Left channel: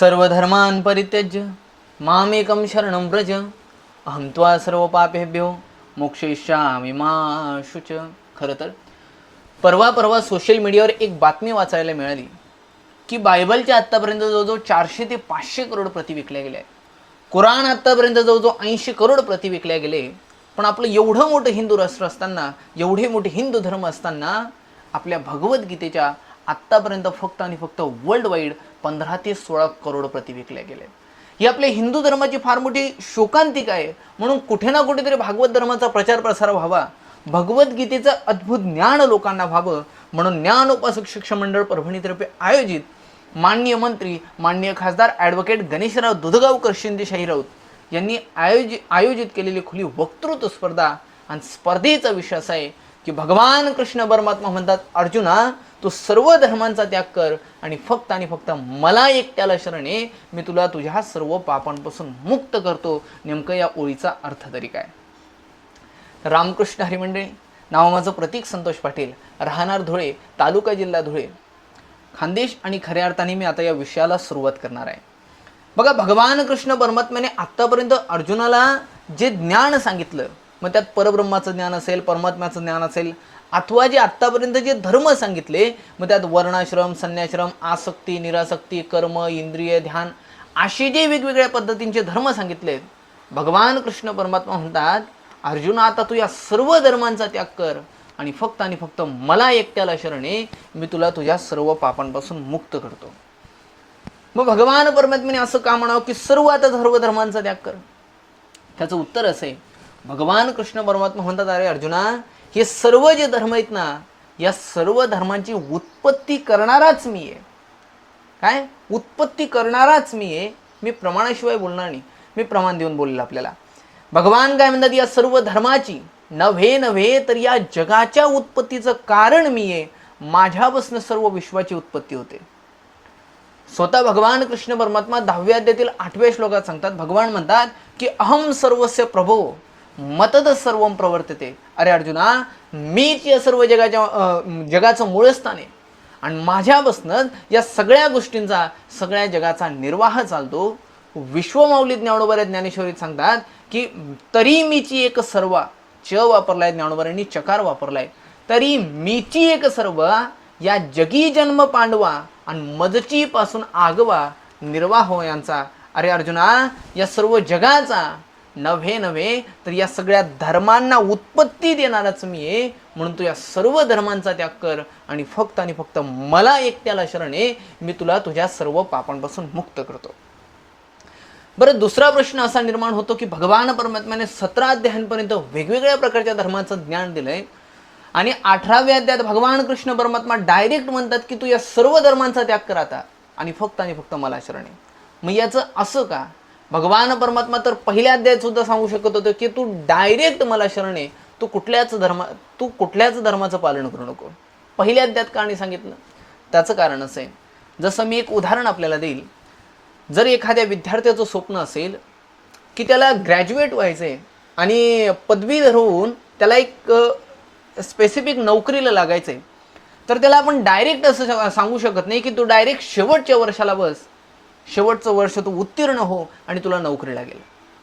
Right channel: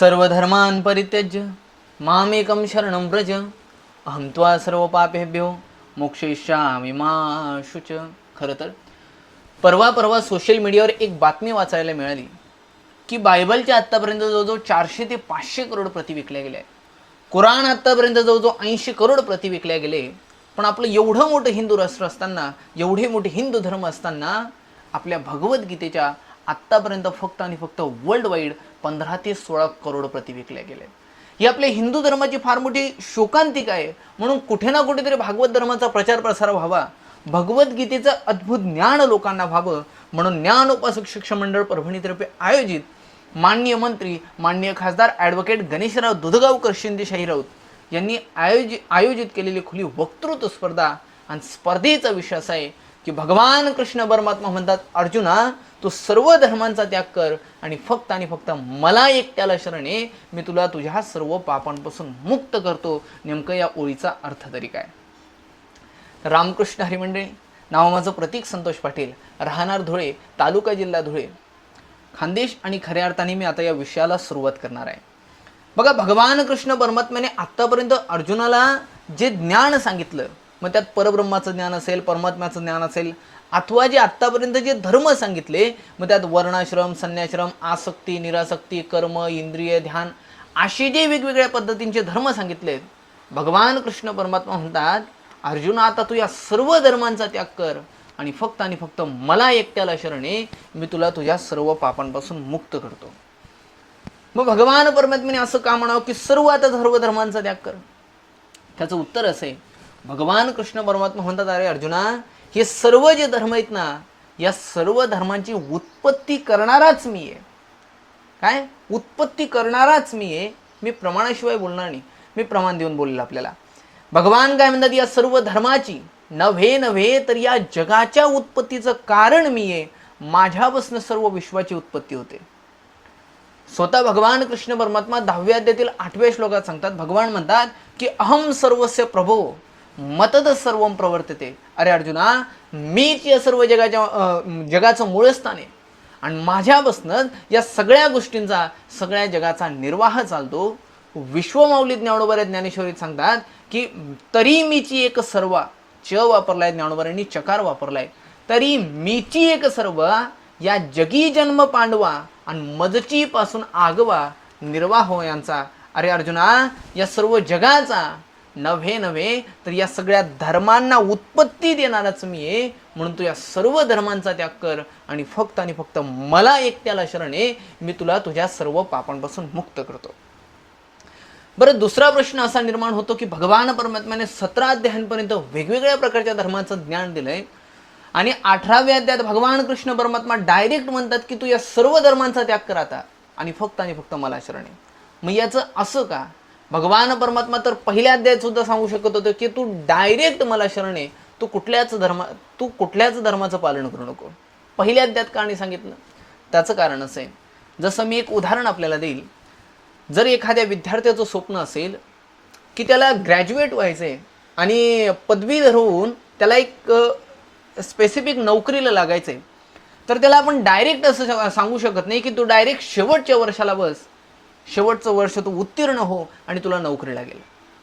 सर्वधर्मान् परित्यज्य मामेकं शरणं व्रज अहं त्वा सर्व पापेभ्यो मोक्षयिष्यामि मा शुच. खरं तर परवा सोशल मीडियावर एक बातमी वाचायला मिळाली की बायबलच्या आत्तापर्यंत जवळजवळ 400 ते 500 करोड प्रती विकल्या गेल्या. कुराण आत्तापर्यंत जवळजवळ 80 करोड प्रती विकल्या गेले. पण आपलं एवढं मोठं हिंदू राष्ट्र असताना, एवढे मोठे हिंदू धर्म असताना आपल्या भगवद्गीतेच्या आत्तापर्यंत फक्त आणि फक्त वर्ल्ड वाईड 15 ते 16 करोड प्रती विकल्या गेल्या. ही आपल्या हिंदू धर्माची फार मोठी शोकांतिका आहे. म्हणून कुठे ना कुठेतरी भागवत धर्माचा प्रचार प्रसार व्हावा, भगवद्गीतेचं अद्भुत ज्ञान लोकांना व्हावं म्हणून ज्ञानोपासक शिक्षण मंडळ परभणीतर्फे आयोजित माननीय मंत्री माननीय खासदार ॲडव्होकेट गणेशराव दुधगावकर शिंदेशाही राऊत यांनी आयोजित केलेली खुली वक्तृत्व स्पर्धा. आणि स्पर्धेचा विषय असा आहे की भगवान कृष्ण परमात्मा म्हणतात, अर्जुना तू सर्व धर्मांचा त्याग कर आणि फक्त मला एकट्याला शरण ये, मी तुला तुझ्या सर्व पापांपासून मुक्त करतो. नेमकं या ओळीचा अर्थ तरी काय? रामकृष्ण हरिमंडळी, नाव माझं प्रतीक संतोष पाटील, राहणार धुळे, तालुका जिल्हा धुळे, खानदेश. आणि खऱ्या अर्थाने मी आता या विषयाला सुरुवात करणार आहे. बघा, भगवान कृष्ण परमात्म्याने आत्तापर्यंत अर्जुनाला जे ज्ञान सांगितलं, मग त्यात परब्रह्माचं ज्ञान असेल, परमात्म्याचं ज्ञान असेल, अथवा जे आत्तापर्यंत जे धर्म सांगितले, मग त्यात वर्णाश्रम, संन्याश्रम, आसक्ती, निरासक्ती, कर्म, इंद्रिय, ध्यान असे जे वेगवेगळ्या पद्धतींचे धर्म सांगितले, भगवान कृष्ण परमात्मा म्हणतात, अर्जुना आता तू या सर्व धर्मांचा त्याग कर आणि फक्त मला एकट्याला शरण ये, मी तुला तुझ्या सर्व पापांपासून मुक्त करतो. मग भगवान परमात्म्याने असं का म्हणावं की सर्व आता सर्व धर्मांचा त्याग कर? त्याचं उत्तर असं आहे, भगवान कृष्ण परमात्मा म्हणतात, अरे अर्जुना, हे सर्व जे धर्म आहेत ना, या सर्व धर्मांची उत्पत्ती करणाराच मी आहे. काय उत्पत्ती करणाराच मी आहे. मी प्रमाणाशिवाय बोलणार नाही, मी प्रमाण देऊन बोलले. आपल्याला भगवान काय म्हणतात, या सर्व धर्माची नव्हे तर या जगाच्या उत्पत्तीचं कारण मी आहे. माझ्यापासून सर्व विश्वाची उत्पत्ती होते. स्वतः भगवान कृष्ण परमात्मा 10व्या अध्यायातील 8व्या श्लोकात सांगतात, भगवान म्हणतात की अहम सर्वस्य प्रभो मतद सर्वम प्रवर्तते. अरे अर्जुना, मीच या सर्व जगाचं मूळस्थान आहे आणि माझ्यापासून या सगळ्या गोष्टींचा, सगळ्या जगाचा निर्वाह चालतो. विश्वमाऊली ज्ञानोबा ज्ञानेश्वरीत सांगतात की तरी मीची एक सर्व, च वापरलाय ज्ञानोबांनी, चकार वापरलाय, तरी मीची एक सर्व या जगी जन्म पांडवा आणि मजची पासून आगवा निर्वाह यांचा. अरे अर्जुना, या सर्व जगाचा नव्हे तर या सगळ्या धर्मांना उत्पत्ती देणारच मी आहे. म्हणून तू या सर्व धर्मांचा त्याग कर आणि फक्त मला एकट्याला शरण ये, मी तुला तुझ्या सर्व पापांपासून मुक्त करतो. बरं, दुसरा प्रश्न असा निर्माण होतो की भगवान परमात्म्याने 17 अध्यायांपर्यंत वेगवेगळ्या प्रकारच्या धर्मांचं ज्ञान दिलंय आणि 18व्या अध्यायात भगवान कृष्ण परमात्मा डायरेक्ट म्हणतात की तू या सर्व धर्मांचा त्याग कर आता आणि फक्त मला शरण ये. मग याचं असं का? भगवान परमात्मा तर पहिल्या अध्यायात सुद्धा सांगू शकत होतं की तू डायरेक्ट मला शरण ये, तू कुठल्याच धर्माचं पालन करू नको. पहिल्या अध्यायात का नाही सांगितलं? त्याचं कारण असं आहे, जसं मी एक उदाहरण आपल्याला देईल. जर एखाद्या विद्यार्थ्याचं स्वप्न असेल की त्याला ग्रॅज्युएट व्हायचंय आणि पदवीधर होऊन त्याला एक स्पेसिफिक नोकरीला लागायचंय, तर त्याला आपण डायरेक्ट असं सांगू शकत नाही की तू डायरेक्ट शेवटच्या वर्षाला बस, शेवटचं वर्ष तू उत्तीर्ण हो आणि तुला नोकरी लागेल.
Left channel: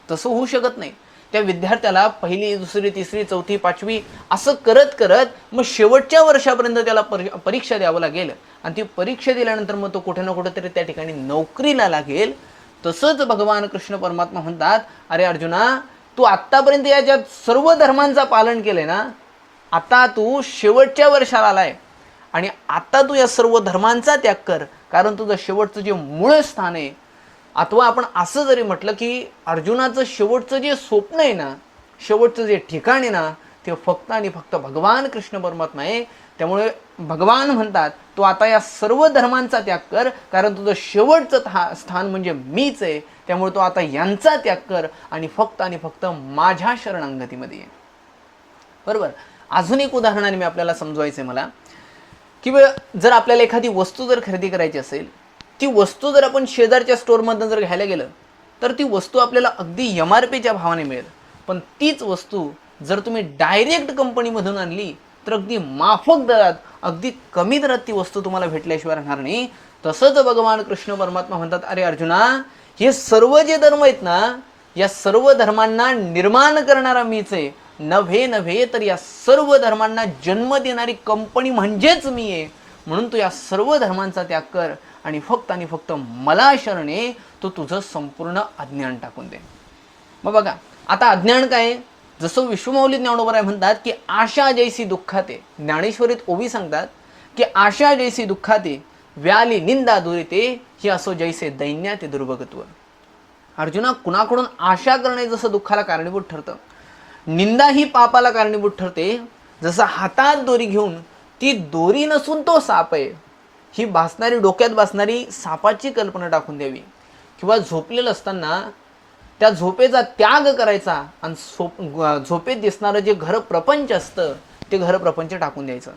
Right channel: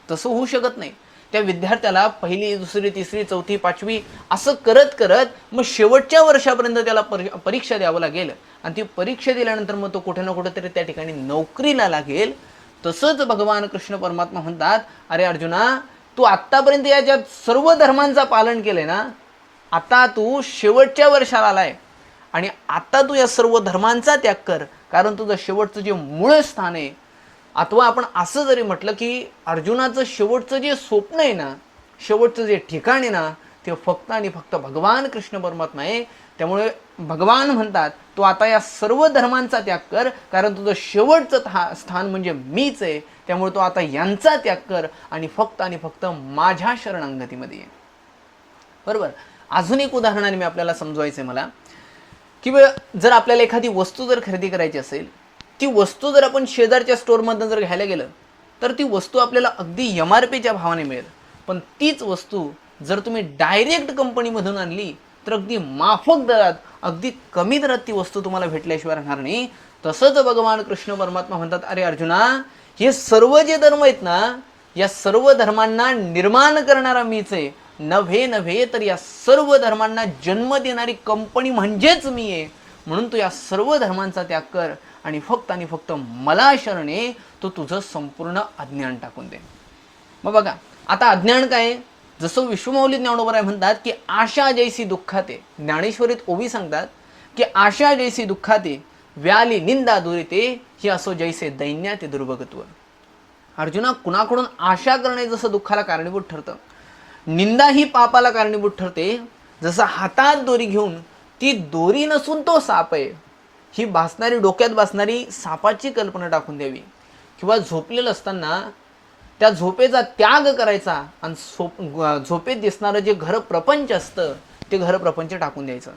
तसं होऊ शकत नाही. त्या विद्यार्थ्याला पहिली, दुसरी, तिसरी, चौथी, 5वी असं करत मग शेवटच्या वर्षापर्यंत त्याला परीक्षा द्यावं लागेल आणि ती परीक्षा दिल्यानंतर मग तो कुठे ना कुठेतरी त्या ठिकाणी नोकरीला लागेल. तसंच भगवान कृष्ण परमात्मा म्हणतात, अरे अर्जुना, तू आत्तापर्यंत या ज्या सर्व धर्मांचं पालन केलंय ना, आता तू शेवटच्या वर्षाला आलाय आणि आता तू या सर्व धर्मांचा त्याग कर, कारण तुझं शेवटचं जे मूळ स्थान आहे, अथवा आपण असं जरी म्हटलं की अर्जुनाचं शेवटचं जे स्वप्न आहे ना, शेवटचं जे ठिकाण आहे ना, ते फक्त आणि फक्त भगवान कृष्ण परमात्मा आहे. त्यामुळे भगवान म्हणतात तू आता या सर्व धर्मांचा त्याग कर, कारण तुझं शेवटचं स्थान म्हणजे मीच आहे. त्यामुळे तो आता यांचा त्याग कर आणि फक्त माझ्या शरणागतीमध्ये ये. बरोबर. अजून एक उदाहरणाने मी आपल्याला समजवायचं आहे मला की जर आपल्याला एखादी वस्तू जर खरेदी करायची असेल, ती वस्तू जर आपण शेजारच्या स्टोअरमधून जर घ्यायला गेलं तर ती वस्तू आपल्याला अगदी MRPच्या भावाने मिळेल. पण तीच वस्तू जर तुम्ही डायरेक्ट कंपनीमधून आणली तर अगदी माफक दरात, अगदी कमी दरात ती वस्तू तुम्हाला भेटल्याशिवाय राहणार नाही. तसंच भगवान कृष्ण परमात्मा म्हणतात, अरे अर्जुना, हे सर्व जे धर्म आहेत ना, या सर्व धर्मांना निर्माण करणारा मीच आहे. नव्हे तर या सर्व धर्मांना जन्म देणारी कंपनी म्हणजेच मी आहे. म्हणून तू या सर्व धर्मांचा त्याग कर आणि फक्त मला शरण ये, तो तुझं संपूर्ण अज्ञान टाकून दे. मग बघा, आता अज्ञान काय? जसं विश्वमौली ज्ञानोबराय म्हणतात की आशा जैसी दुःखाते, ज्ञानेश्वरीत ओवी सांगतात की आशा जैसी दुःखाते व्याली निंदा दुरिते, ही असो जैसे दैन्याते दुर्भगत्व. अर्जुना, कुणाकडून आशा करणे जसं दुःखाला कारणीभूत ठरतं, निंदा ही पापाला कारणीभूत ठरते. जसं हातात दोरी घेऊन ती दोरी नसून तो साप आहे, ही भासणारी, डोक्यात भासणारी सापाची कल्पना टाकून द्यावी. किंवा झोपलेलं असताना त्या झोपेचा त्याग करायचा आणि झोपेत दिसणारं जे घर प्रपंच असतं ते घर प्रपंच टाकून द्यायचं.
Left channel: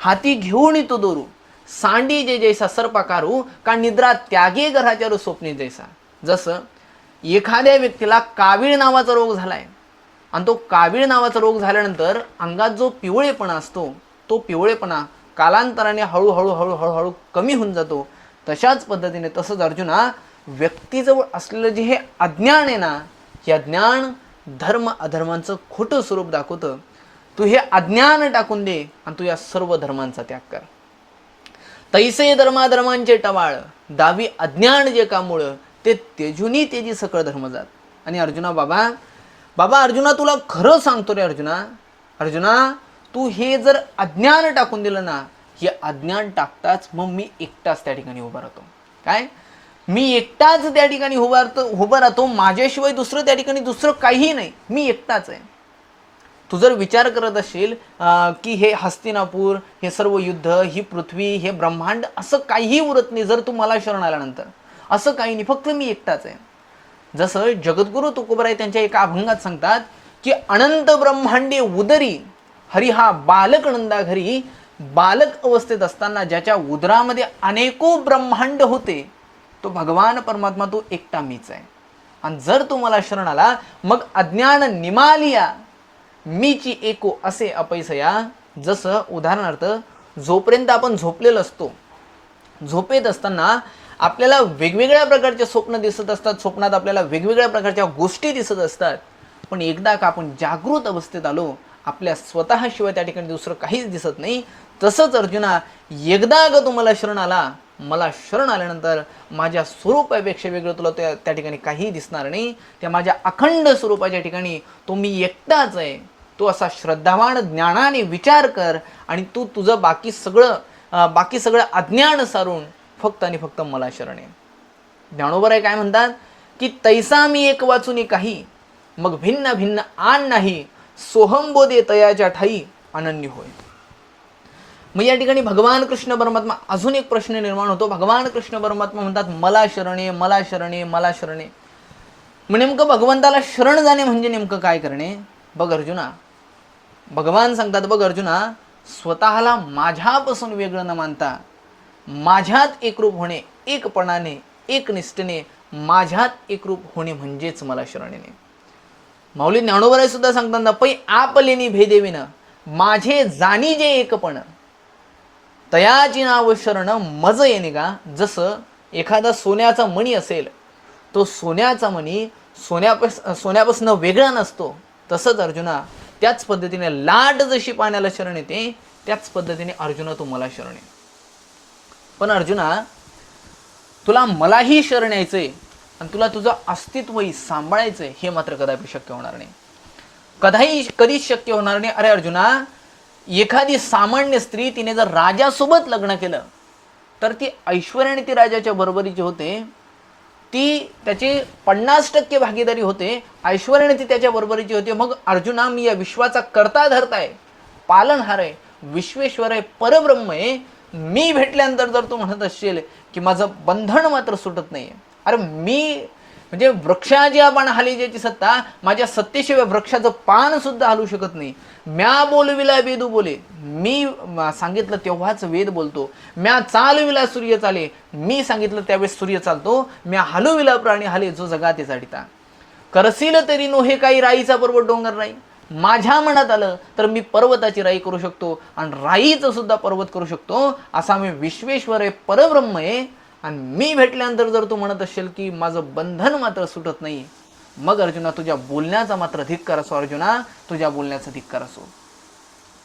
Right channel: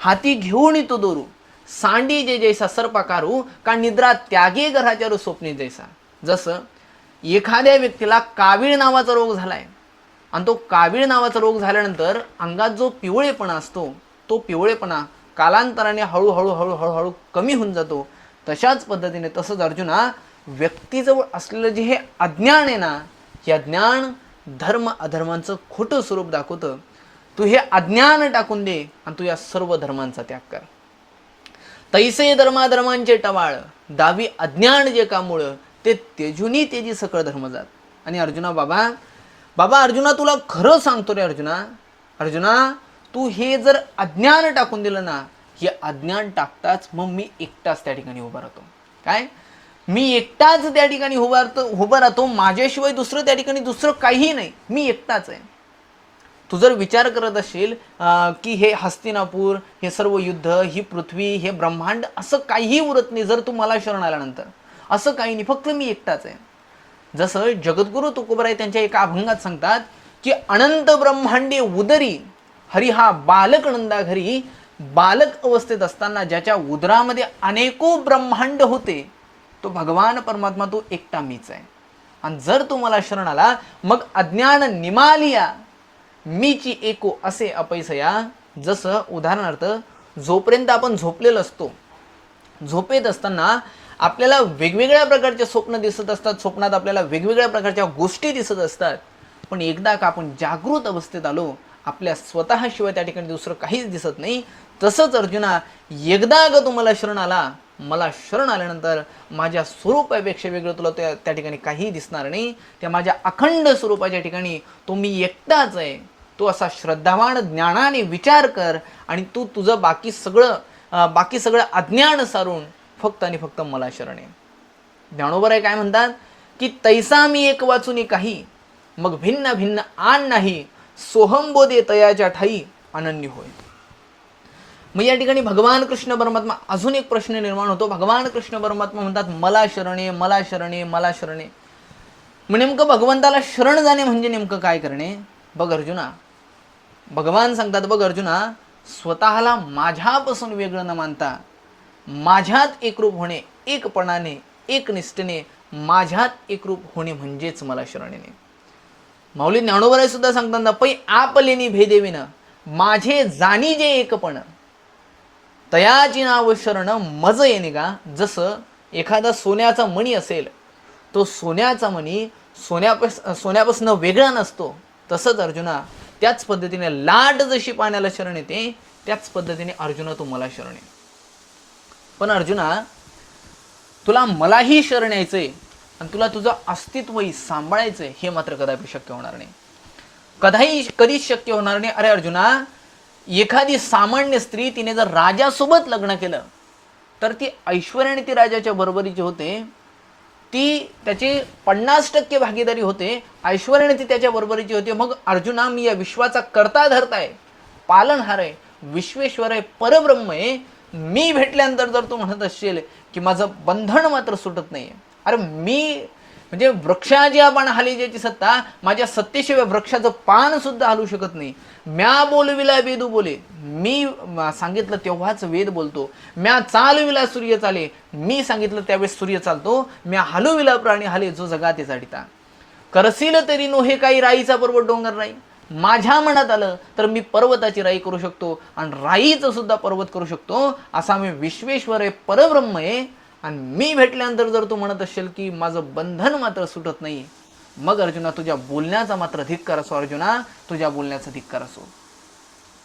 हाती घेऊन येतो दोरू, सांडी जे जैसा सर्पाकारू, का निद्रा त्यागे घराच्या स्वप्ने जैसा. जसं एखाद्या व्यक्तीला कावीळ नावाचा रोग झालाय आणि तो कावीळ नावाचा रोग झाल्यानंतर अंगात जो पिवळेपणा असतो, तो पिवळेपणा कालांतराने हळूहळू कमी होऊन जातो. तशाच पद्धतीने तसंच अर्जुना, व्यक्तीजवळ असलेलं जे हे अज्ञान आहे ना, हे अज्ञान धर्म अधर्मांचं खोटं स्वरूप दाखवतं. तू हे अज्ञान टाकून दे आणि तू या सर्व धर्मांचा त्याग कर. तैसे धर्माधर्मांचे टवाळ, दावी अज्ञान जे कामुळं, ते तेजुनी तेजी सकळ धर्म जात. आणि अर्जुना, बाबा अर्जुना, तुला खरं सांगतो रे अर्जुना, तू हे जर अज्ञान टाकून दिलं ना, हे अज्ञान टाकताच मग मी एकटाच त्या ठिकाणी उभा राहतो. काय? मी एकटाच त्या ठिकाणी उभा राहतो. माझ्याशिवाय दुसरं त्या ठिकाणी दुसरं काही नाही, मी एकटाच आहे. तू जर विचार करत असशील की हे हस्तिनापूर, हे सर्व युद्ध, ही पृथ्वी, हे ब्रह्मांड, असं काहीही उरत नाही जर तू मला शरण आल्यानंतर. असं काही नाही, फक्त मी एकटाच आहे. जसं जगद्गुरु तुकोबराय त्यांच्या एका अभंगात सांगतात की अनंत ब्रह्मांडे उदरी हरी हा बालक नंदा घरी. बालक अवस्थेत असताना ज्याच्या उदरामध्ये अनेको ब्रह्मांड होते, तो भगवान परमात्मा, तो एकटा मीच आहे. आणि जर तू मला शरण आला, मग अज्ञान निमालिया मीची एको असे अपैसया. जसं उदाहरणार्थ, जोपर्यंत आपण झोपलेलो असतो, झोपेत असताना आपल्याला वेगवेगळ्या प्रकारचे स्वप्न दिसत असतात, स्वप्नात आपल्याला वेगवेगळ्या प्रकारच्या गोष्टी दिसत असतात. पण एकदा का आपण जागृत अवस्थेत आलो, आपल्या स्वतःशिवाय त्या ठिकाणी दुसरं काहीच दिसत नाही. तसंच अर्जुना, एकदा का तू मला शरण आला, मला शरण आल्यानंतर माझ्या स्वरूपापेक्षा वेगळं तुला त्या ठिकाणी काहीही दिसणार नाही. त्या माझ्या अखंड स्वरूपाच्या ठिकाणी तो मी एकटाच आहे. तो असा श्रद्धावान ज्ञानाने विचार कर आणि तू तुझं बाकी सगळं अज्ञान सारून फक्त आणि फक्त मला शरण आहे. ज्ञानोबराय काय म्हणतात की तैसा मी एक वाचून काही, मग भिन्न भिन्न आण नाही, सोहंबोधे तयाच्या ठाई अनन्य होय. मग या ठिकाणी भगवान कृष्ण परमात्मा, अजून एक प्रश्न निर्माण होतो. भगवान कृष्ण परमात्मा म्हणतात मला शरणे. मग नेमकं भगवंताला शरण जाणे म्हणजे नेमकं काय करणे? बघ अर्जुना, भगवान सांगतात, बघ अर्जुना, स्वतःला माझ्यापासून वेगळं न मानता माझ्यात एकरूप होणे, एकपणाने, एकनिष्ठेने माझ्यात एकरूप होणे म्हणजेच मला शरण येणे. माऊली ज्ञानोबराय सुद्धा सांगतात ना, पै आपलेनी भेदेविन माझे जाणी जे एकपण, तयाची नाव शरण मज येणे का. जसं एखादा सोन्याचा मणी असेल, तो सोन्याचा मणी सोन्यापासून वेगळा नसतो. तसंच अर्जुना, त्याच पद्धतीने लाट जशी पाण्याला शरण येते, त्याच पद्धतीने अर्जुना तू मला शरण ये. पण अर्जुना, तुला मलाही शरण यायचंय आणि तुला तुझं अस्तित्वही सांभाळायचंय, हे मात्र कदापि शक्य होणार नाही. कधीच शक्य होणार नाही. अरे अर्जुना, एखादी सामान्य स्त्री, तिने जर राजासोबत लग्न केलं तर ती ऐश्वर्याने ती राजाच्या बरोबरीची होते, ती त्याची 50% भागीदारी होते, ऐश्वर्याने ती त्याच्या बरोबरीची होते. मग अर्जुना, मी या विश्वाचा करता धरता आहे, पालनहार आहे, विश्वेश्वर आहे, परब्रह्म आहे. मी भेटल्यानंतर जर तू म्हणत असशील की माझं बंधन मात्र सुटत नाही, अरे मी म्हणजे वृक्षाची आपण हाली ज्याची सत्ता, माझ्या सत्तेशिवाय वृक्षाचं पान सुद्धा हलू शकत नाही. म्या बोलविला वेदू बोले, मी सांगितलं तेव्हाच वेद बोलतो. म्या चालविला सूर्य चाले, मी सांगितलं त्यावेळेस सूर्य चालतो. म्या हलविला प्राणी हाले, जो जगाते झाडिता. करसील तरी नो हे काही राईचा पर्वत डोंगर नाही. माझ्या मनात आलं तर मी पर्वताची राई करू शकतो आणि राईचं सुद्धा पर्वत करू शकतो. असा मी विश्वेश्वर आहे, परब्रह्म आहे. आणि मी भेटल्यानंतर जर तू म्हणत असेल की माझं बंधन मात्र सुटत नाही, मग अर्जुना तुझ्या बोलण्याचा मात्र धिक्कार असो, अर्जुना तुझ्या बोलण्याचा धिक्कार असो.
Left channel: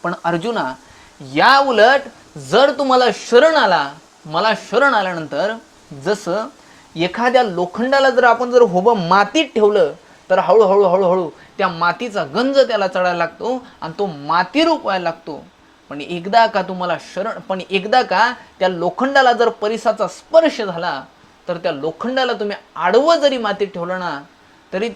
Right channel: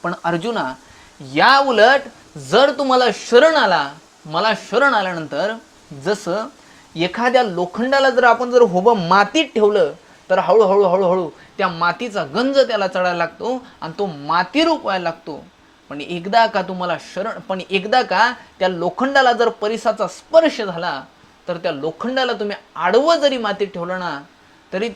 पण अर्जुना या उलट जर तू मला शरण आला, मला शरण आल्यानंतर जसं एखाद्या लोखंडाला जर आपण जर उभं मातीत ठेवलं तर हळूहळू हळूहळू त्या मातीचा गंज त्याला चढायला लागतो आणि तो मातीरूप व्हायला लागतो. पण एकदा का त्या लोखंडाला जर परिसाचा स्पर्श झाला तर त्या लोखंडाला तुम्ही आडवं जरी मातीत ठेवलं ना तरी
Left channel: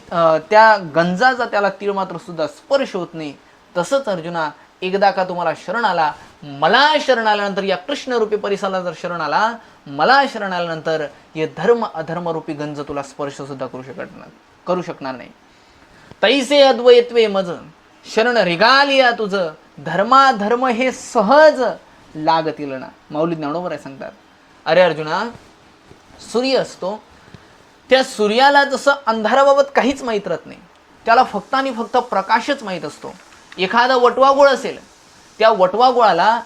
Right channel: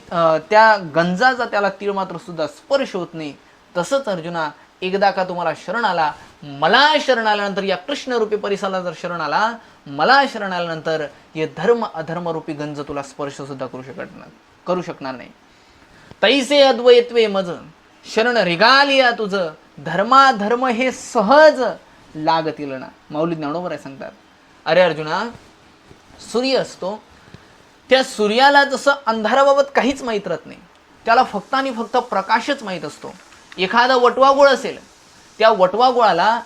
त्या गंजाचा त्याला तीळ मात्र सुद्धा स्पर्श होत नाही. तसंच अर्जुना एकदा का तुम्हाला शरण आला, मला शरण आल्यानंतर या कृष्णरूपी परिसाला जर शरण आला, मला शरण आल्यानंतर हे धर्म अधर्मरूपी गंज तुला स्पर्श सुद्धा करू शकणार नाही. तैसे अद्वैत्वे मज शरण रिगालिया तुझ, धर्माधर्म हे सहज लागतील ना. माऊली ज्ञानोबर आहे सांगतात, अरे अर्जुना सूर्य असतो, त्या सूर्याला जसं अंधाराबाबत काहीच माहीत राहत नाही, त्याला फक्त आणि फक्त प्रकाशच माहीत असतो. एखादा वटवाघूळ असेल, त्या वटवाघुळाला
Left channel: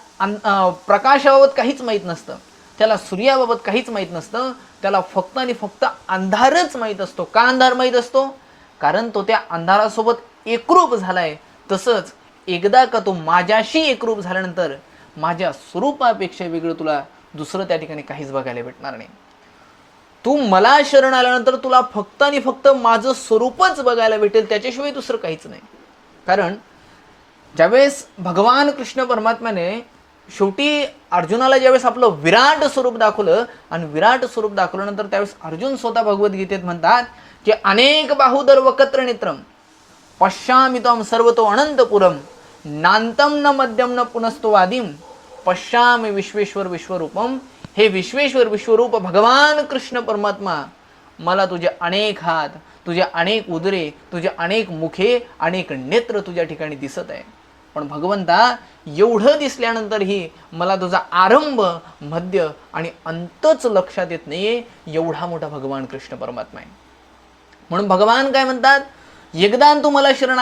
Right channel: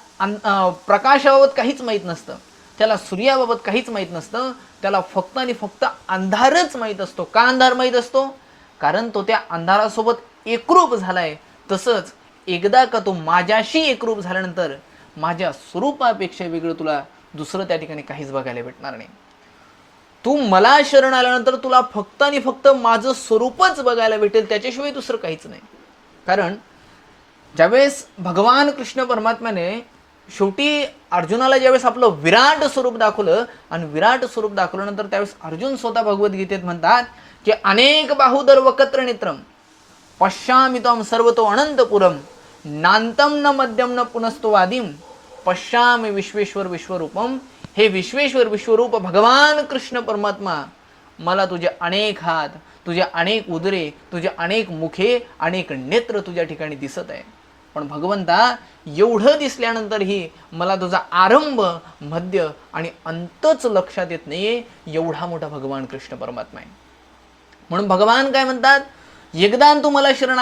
प्रकाशाबाबत काहीच माहीत नसतं, त्याला सूर्याबाबत काहीच माहीत नसतं, त्याला फक्त आणि फक्त अंधारच माहीत असतो. का अंधार माहीत असतो? कारण तो त्या अंधारासोबत एकरूप झालाय. तसंच एकदा का तो माझ्याशी एकरूप झाल्यानंतर माझ्या स्वरूपापेक्षा वेगळं तुला दुसरं त्या ठिकाणी काहीच बघायला भेटणार नाही. तू मला शरण आल्यानंतर तुला फक्त आणि फक्त माझं स्वरूपच बघायला भेटेल, त्याच्याशिवाय दुसरं काहीच नाही. कारण ज्यावेळेस भगवान कृष्ण परमात्म्याने शेवटी अर्जुनाला ज्यावेळेस आपलं विराट स्वरूप दाखवलं आणि विराट स्वरूप दाखवल्यानंतर त्यावेळेस अर्जुन स्वतः भगवद्गीतेत म्हणतात की अनेक बाहुदर वकत्र नेत्रम पश्यामि त्वं सर्वतो अनंतपुरम नांतम न मध्यम न पुनस्तो वादिम पश्यामि विश्वेश्वर विश्वरूपम. हे विश्वेश्वर विश्वरूप भगवान कृष्ण परमात्मा, मला तुझे अनेक हात, तुझे अनेक उदरे, तुझे अनेक मुखे, अनेक नेत्र तुझ्या ठिकाणी दिसत आहे. पण भगवंता एवढं दिसल्यानंतरही मला तुझा आरंभ, मध्य आणि अंतच लक्षात येत नाहीये, एवढा मोठा भगवान कृष्ण परमात्मा आहे. म्हणून भगवान काय म्हणतात, एकदा तू मला शरण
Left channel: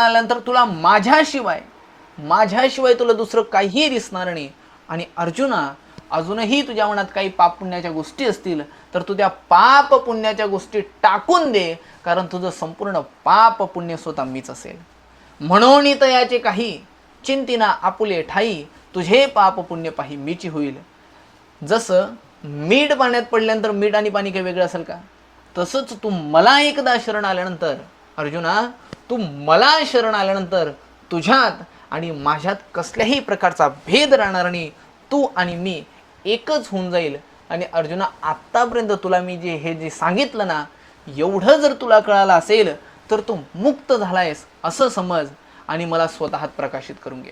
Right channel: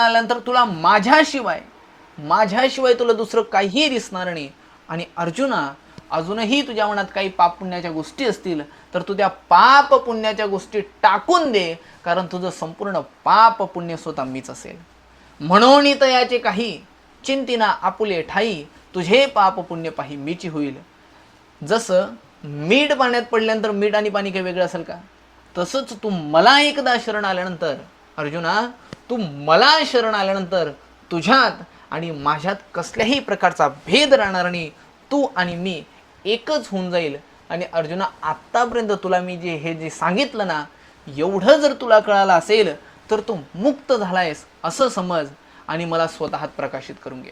आल्यानंतर तुला माझ्याशिवाय तुला दुसरं काहीही दिसणार नाही. आणि अर्जुना अजूनही तुझ्या मनात काही पाप पुण्याच्या गोष्टी असतील तर तू त्या पाप पुण्याच्या गोष्टी टाकून दे, कारण तुझं संपूर्ण पाप पुण्य स्वतः मीच असेल. म्हणून याचे काही चिंतिना आपुले ठाई, तुझे पाप पुण्य पाही मीची होईल. जसं मीठ पाण्यात पडल्यानंतर मीठ आणि पाणी काही वेगळं असेल का? तसंच तू मला एकदा शरण आल्यानंतर अर्जुना, तू मला शरण आल्यानंतर तुझ्यात आणि माझ्यात कसल्याही प्रकारचा भेद राहणार नाही. तू आणि मी एकच होऊन जाईल. आणि अर्जुना आत्तापर्यंत तुला मी हे जे सांगितलं ना, एवढं जर तुला कळालं असेल तर तू मुक्त झालायस असं समज आणि मला स्वतःत प्रकाशित करून घे.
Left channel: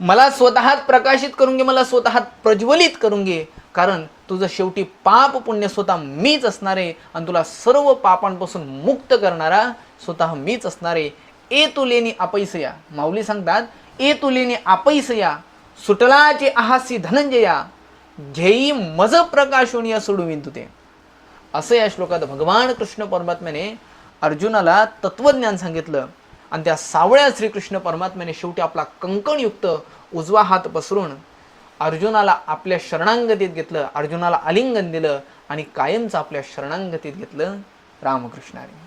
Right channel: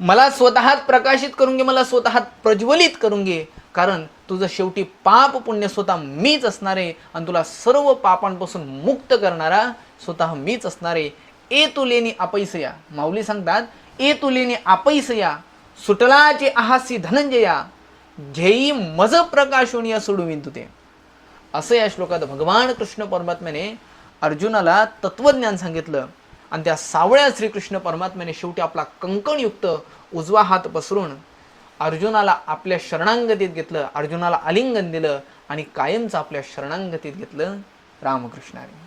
मला स्वतःत प्रज्वलित करून घे. कारण तुझं शेवटी पाप पुण्य स्वतः मीच असणार आहे आणि तुला सर्व पापांपासून मुक्त करणारा स्वतः मीच असणार आहे. ए तुलेनी अपैसया, माऊली सांगतात, ए तुलेनी अपैसया सुटलाचे आहासी धनंजया, घेई मज प्रकाशोनिया सोडविन तुते. असं या श्लोकात भगवान कृष्ण परमात्म्याने अर्जुनाला तत्वज्ञान सांगितलं. आणि त्या सावळ्या श्रीकृष्ण परमात्म्याने शेवटी आपला कंकणयुक्त उजवा हात पसरून अर्जुनाला आपल्या शरणांगतीत घेतलं, अर्जुनाला आलिंगन दिलं आणि कायमचं आपल्या शरणांगतीत घेतलं. रामकृष्ण हरी.